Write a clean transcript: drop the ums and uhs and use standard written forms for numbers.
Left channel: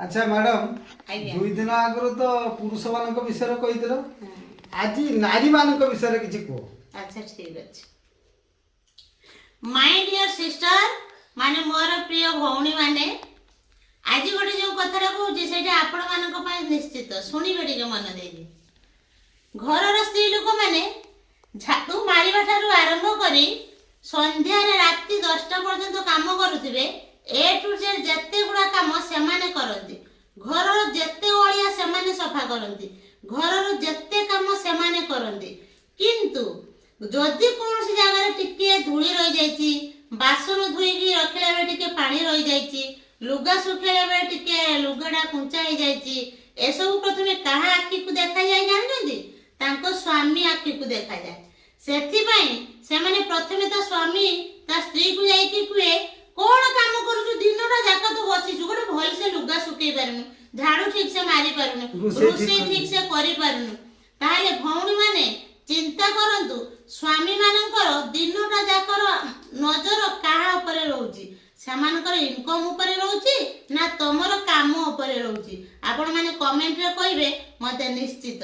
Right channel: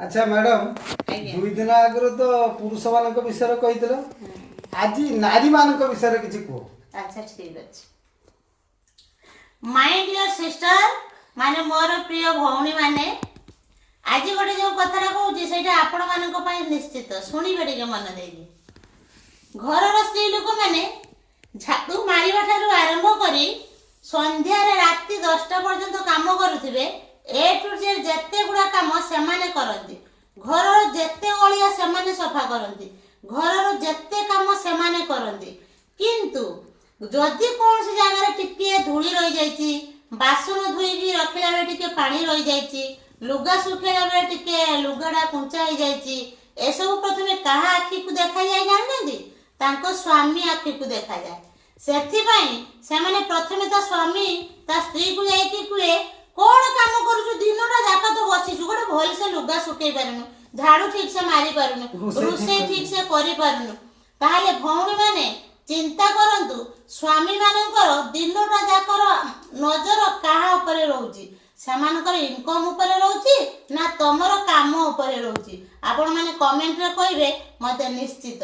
अच्छा मैडम दुई दिन आगु तो पुरुष मान विषय कही आज नारी मान विषय किसी कह। अच्छा ठीक अच्छे माय डियर सिस्टर माने मोर प्रिय भौणी माने आज गोटे जो कथा कहूँ से आपण मान निश्चित शुणवे टे मन दे घर स्त्री लोक मैंने झाड़ू मारिबा ठारू आरंभ करी संध्या राति 10टा पर्यंत काम करुथिबे ए टू जेड जेते गुडा काम सेमाने करंती घर जेते ओलिया सेमाने सफा करंती घर जेते काम सेमाने करंती किंतु जदि कौन सी जगह टिके धूली रही जाइछि बासन धुईकी रखिला बेले टिके पानी रही जाइछि लुगा सुखेला बेले टिके लुगाडा कुंचा हो जाइछि एसबु प्रथमे कहा आखि को देखा जाय जानନ୍ତି तांको स्वामी आखि को देखा जाए सेथिबाई सेमाने प्रथमे ता स्वामी ता स्त्री को जाई कि कुए कौन काम करू दिनटा जाक तो बसिछु गोटे भल से लुगा सुखई पारुनु झाड़ू ठीक से मारी पारुनु रोसे ठीक से करि पारुनु ताले भौणी माने चिंता करंतु स्वामी मानकर दिनटा जाकर नजर काहा ऊपर रहउची सेमानकर इनकम ऊपर रहउची ना तमरो काम ऊपर रहउची आपण माने कमेंट रे कहिबे मते निश्चित।